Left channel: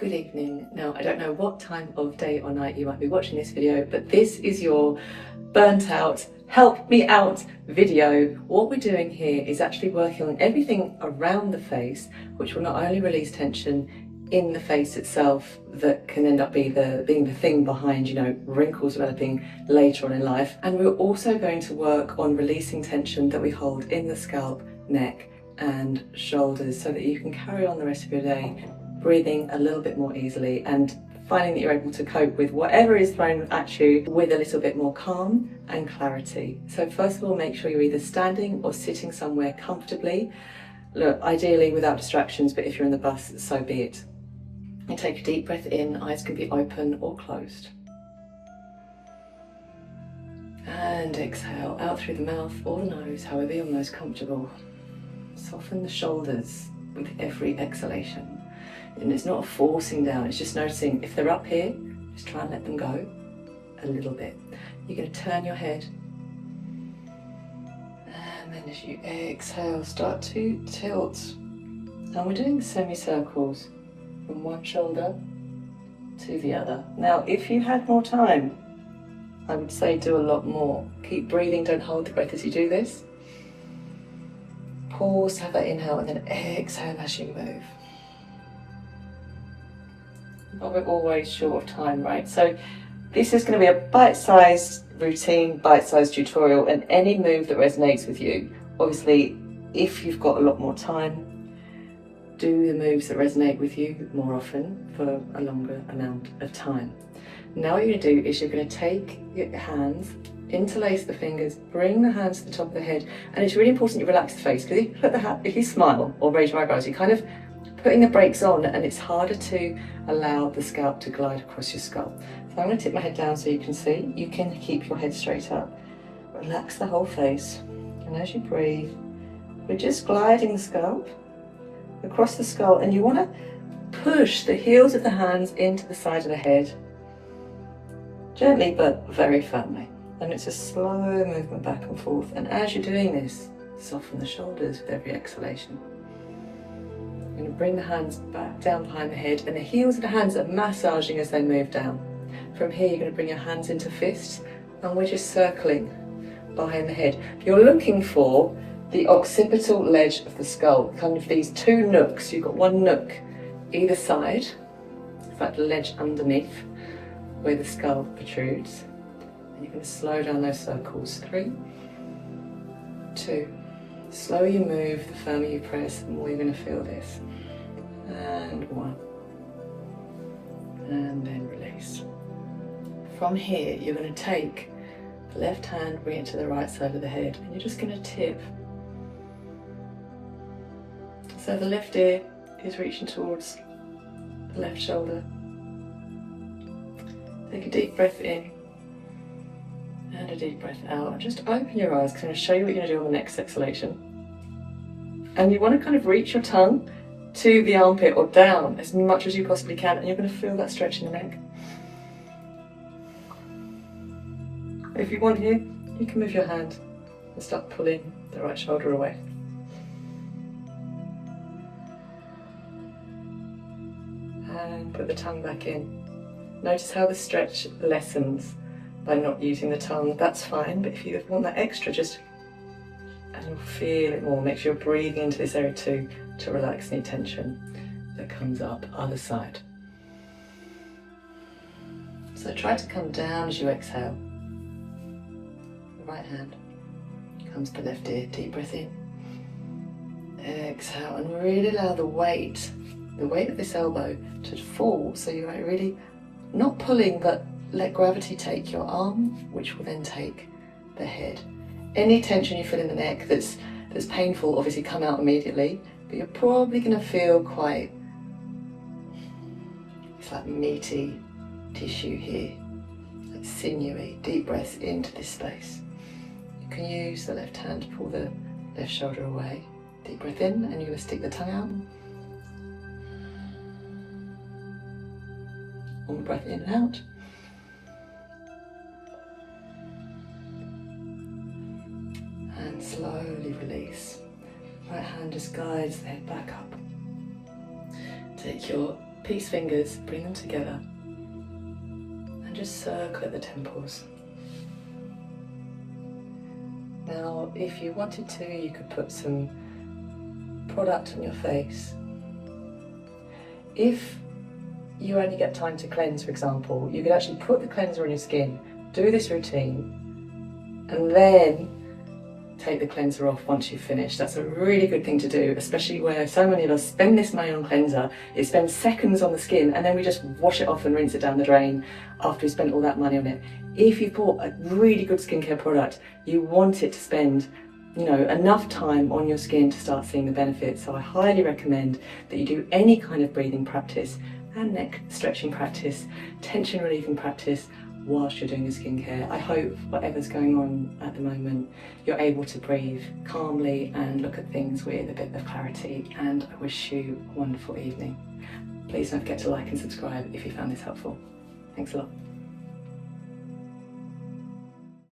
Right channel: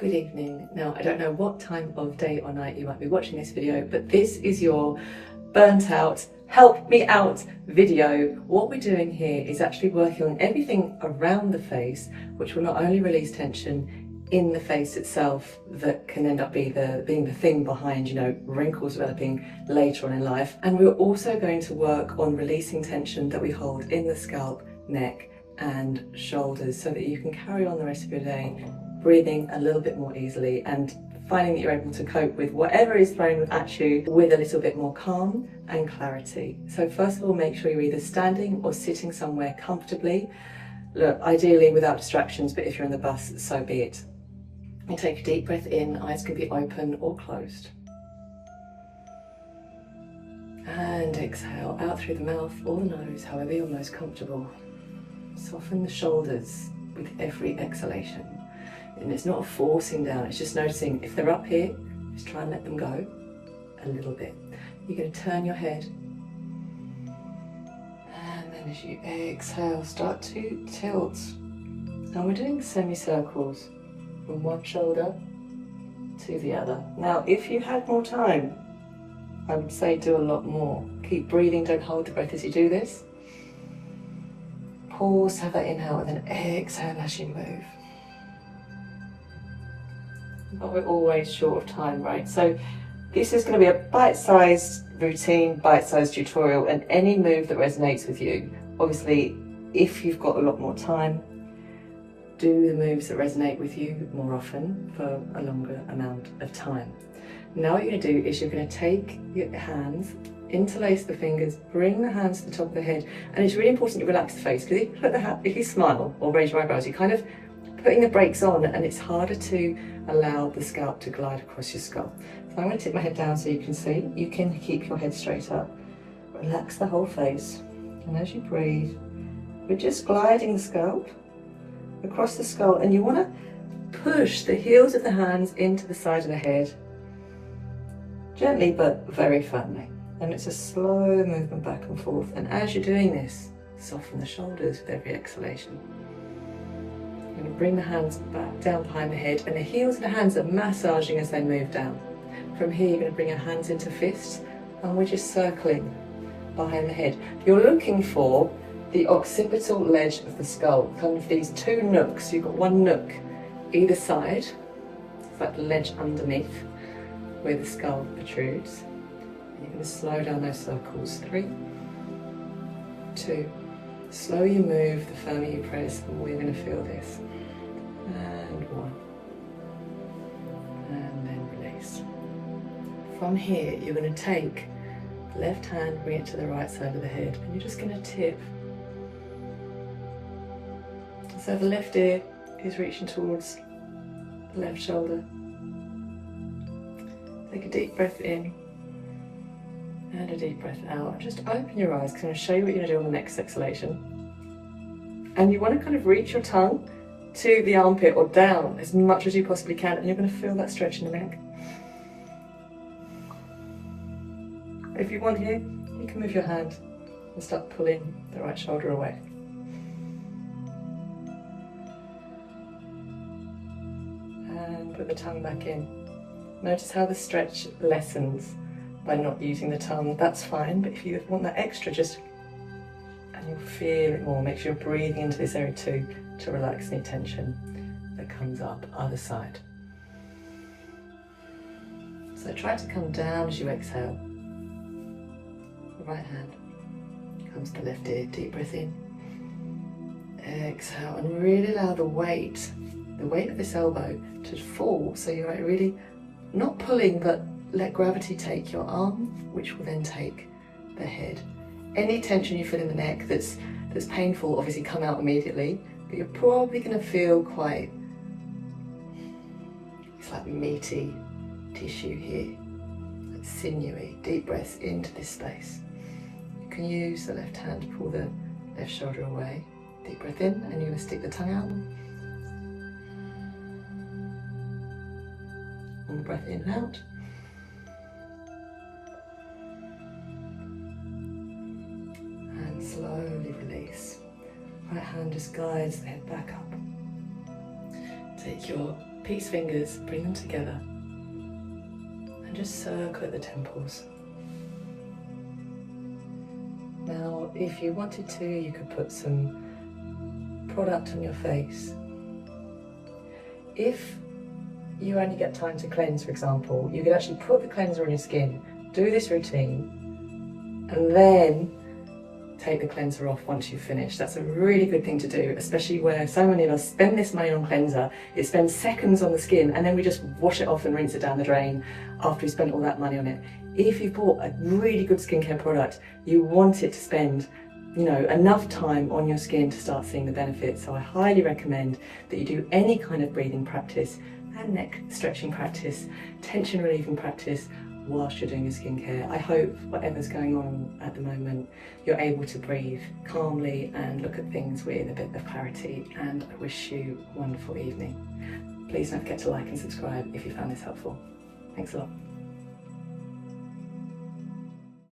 Good evening. Now, I don't know what time of day or night you might be watching this video, but this is your burnt out, help me out video. What we're doing here is actually working on everything around the face, which will not only release tension in the face itself that can end up being the thing behind, wrinkles developing later on in life. And we're also going to work on releasing tension that we hold in the scalp, neck and shoulders so that you can carry on the rest of your day breathing a little bit more easily and finding that you're able to cope with whatever is thrown at you with a little bit more calm and clarity. So first of all, make sure you're either standing or sitting somewhere comfortably. Look, ideally without distractions, but if you're in the bus, so be it. And take a deep breath in, eyes can be open or closed. And exhale out through the mouth or the nose, however you're most comfortable. Soften the shoulders with every exhalation. And it's not a forcing down, it's just noticing if they're up here, just try and let them go a little bit. You're going to turn your head. And then as you exhale, start to tilt. And we're doing semicircles from one shoulder to the other. Now, if you had more time, I would say do a lot more. Keep breathing, don't hold the breath as you do this. Pause, have that inhale, and then exhale as you move. But we're always short of time, right? So this is going to be a bite-sized routine, bite-sized tutorial, and any move that resonates with you. Obviously, if you've got a lot more time, do the moves that resonate with you more often for a longer amount of time. Now what you're going to do is you're going to take your hands, interlace the fingers, bring the hands to the top of the head, and it's really important you relax the face, because if you smile or raise your eyebrows, you're kind of putting the brakes on, and it's harder to allow the scalp to glide across your skull. So I'm going to tip my head down so you can see. You can keep your head straight up. Relax the whole face. And as you breathe, we're just gliding the scalp across the skull, and you want to push the heels of the hands into the side of the head. Gently but very firmly. And it's a slow movement back and forth. And as you're doing this, soften the shoulders with every exhalation. You're going to bring the hands back down behind the head, and the heels of the hands are massaging as they move down. From here, you're going to bring your hands into fists, and we're just circling behind the head. You're looking for the occipital ledge of the skull, kind of these two nooks. You've got one nook either side, it's like the ledge underneath where the skull protrudes. And you're going to slow down those circles. 3, 2. The slower you move, the firmer you press, the more you're going to feel this. And 1. And then release. From here, you're going to take the left hand, bring it to the right side of the head, and you're just going to tip. So the left ear is reaching towards the left shoulder. Take a deep breath in and a deep breath out. Just open your eyes, because I'm going to show you what you're going to do on the next exhalation. And you want to kind of reach your tongue to the armpit or down as much as you possibly can, and you're going to feel that stretch in the neck. If you want here, you can move your hand and start pulling the right shoulder away. And put the tongue back in. Notice how the stretch lessens by not using the tongue. That's fine, but if you want that extra, and you'll feel it more. Make sure you're breathing into this area too to relax any tension that comes up. Other side. So try to come down as you exhale. The right hand comes to the left ear. Deep breath in. Exhale, and really allow the weight of this elbow to fall, so you're really not pulling, but let gravity take your arm, which will then take the head. Any tension you feel in the neck that's painful, obviously come out immediately, but you're probably going to feel it's like meaty tissue here, like sinewy. Deep breaths into this space. You can use the left hand to pull the left shoulder away. Deep breath in, and you're going to stick the tongue out. One breath in and out. And slowly release. Right hand just guides the head back up. Take your peace fingers, bring them together and just circle at the temples. Now, if you wanted to, you could put some product on your face. If you only get time to cleanse, for example, you could actually put the cleanser on your skin, do this routine, and then take the cleanser off once you've finished. That's a really good thing to do, especially where so many of us spend this money on cleanser. It spends seconds on the skin and then we just wash it off and rinse it down the drain after we spent all that money on it. If you bought a really good skincare product, you want it to spend enough time on your skin to start seeing the benefits. So I highly recommend that you do any kind of breathing practice and neck stretching practice, tension relieving practice whilst you're doing your skincare. I hope whatever's going on at the moment, you're able to breathe calmly and look at things with a bit of clarity, and I wish you a wonderful evening. Please don't forget to like and subscribe if you found this helpful. Thanks a lot.